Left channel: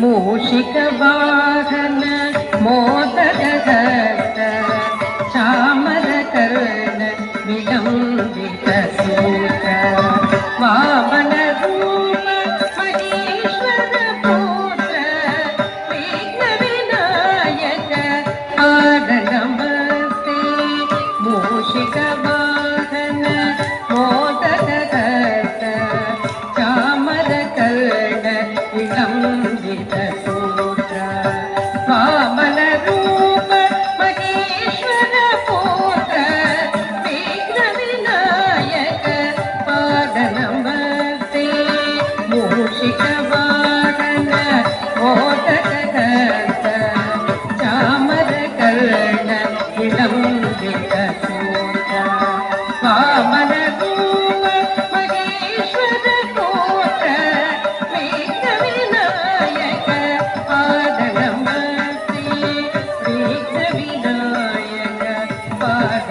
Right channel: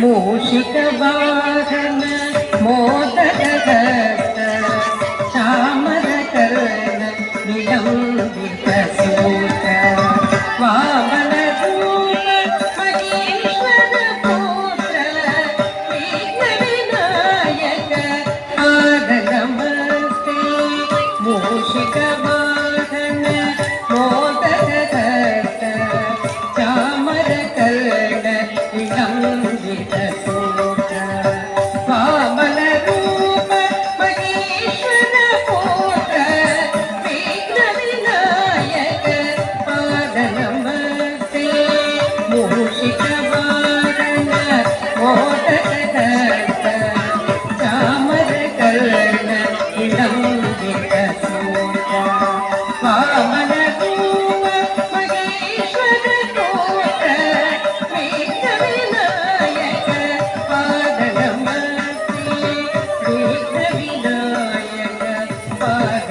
మూషిక వాహన మోదక చామర కర్ణ విలంబిత సూత వామన రూప మహేశ్వర పుత్ర విఘ్న వినాయక పాద నమస్తే మూషిక వాహన మోదక చామర కర్ణ విలంబిత సూత వామన రూప మహేశ్వర పుత్ర విఘ్న వినాయక పాద నమస్తే మూషిక వాహన మోదక చామర కర్ణ విలంబిత సూత వామన రూప మహేశ్వర పుత్ర విఘ్న వినాయక పాద నమస్తే విఘ్న వినాయక పాద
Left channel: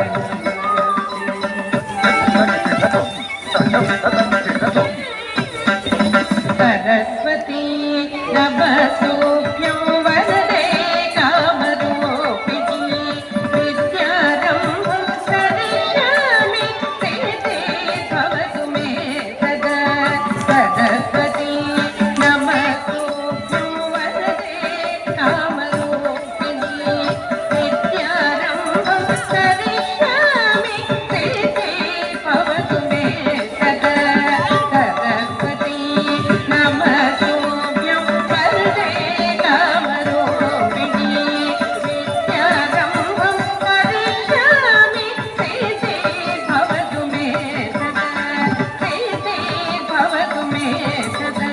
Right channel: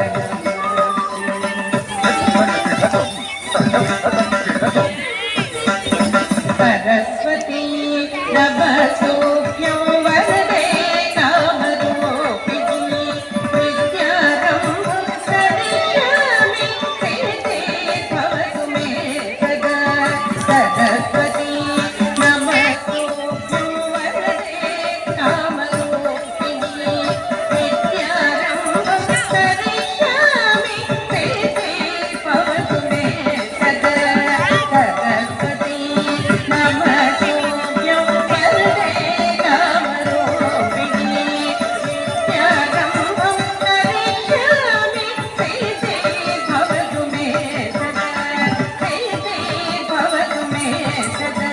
సరస్వతీ నమస్తోభ్యం వరదే కామరూపిణి విద్యారంభం కరిష్యామి సిద్ధే భవతు మే సదా సరస్వతీ నమస్తోభ్యం వరదే కామరూపిణి విద్యారంభం కరిష్యామి సిద్ధే భవతు మే సదా సరస్వతీ నమస్తోభ్యం వరదే కామరూపిణి విద్యారంభం కరిష్యామి సిద్ధే భవతు మే సదా సిద్ధే భవతు మే సదా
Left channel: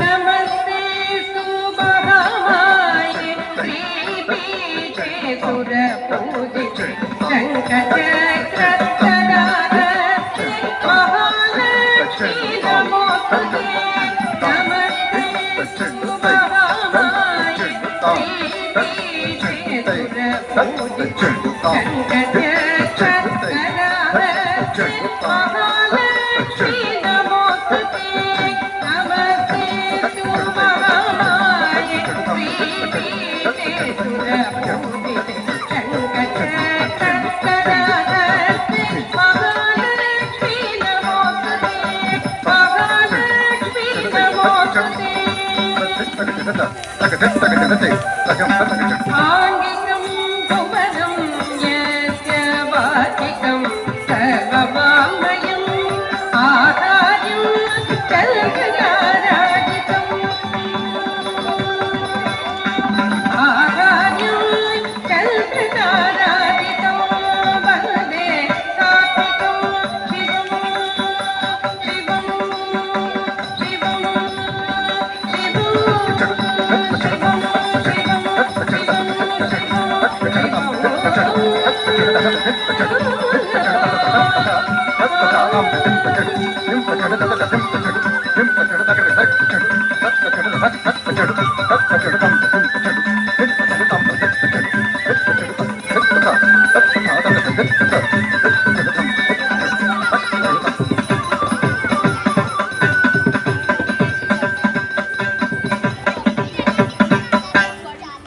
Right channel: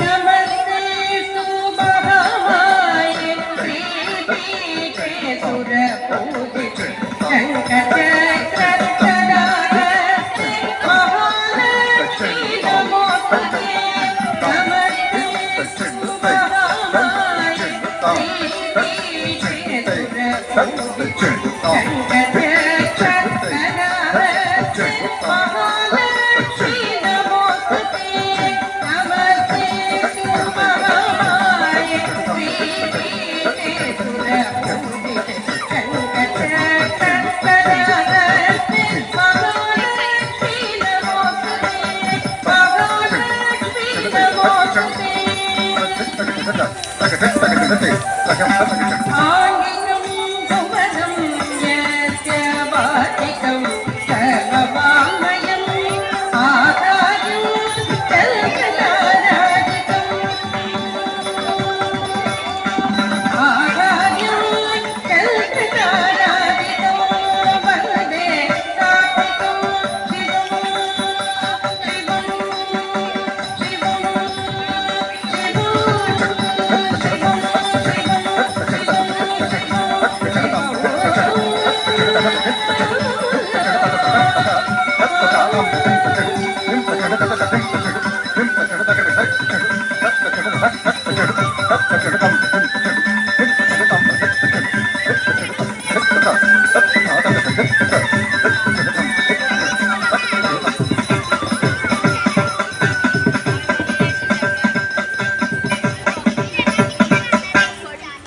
నమస్తే సుమహామాయే శ్రీపీఠే సురపూజితే శంఖచక్రధరారతే మహాలక్ష్మీ నమోస్తుతే నమస్తే సుమహామాయే శ్రీపీఠే సురపూజితే శంఖచక్రధరారతే మహాలక్ష్మీ నమోస్తుతే నమస్తే సుమహామాయే శ్రీపీఠే సురపూజితే శంఖచక్రధరారతే మహాలక్ష్మీ నమోస్తుతే మహాలక్ష్మీ నమోస్తుతే ఆంగికం భువనం యస్య వాచికం సర్వవామయం ఆచార్యం కల్పనారాజితం ఆచార్యం కల్పనారాజితం వరదే కార్తికం శివం శివం శివం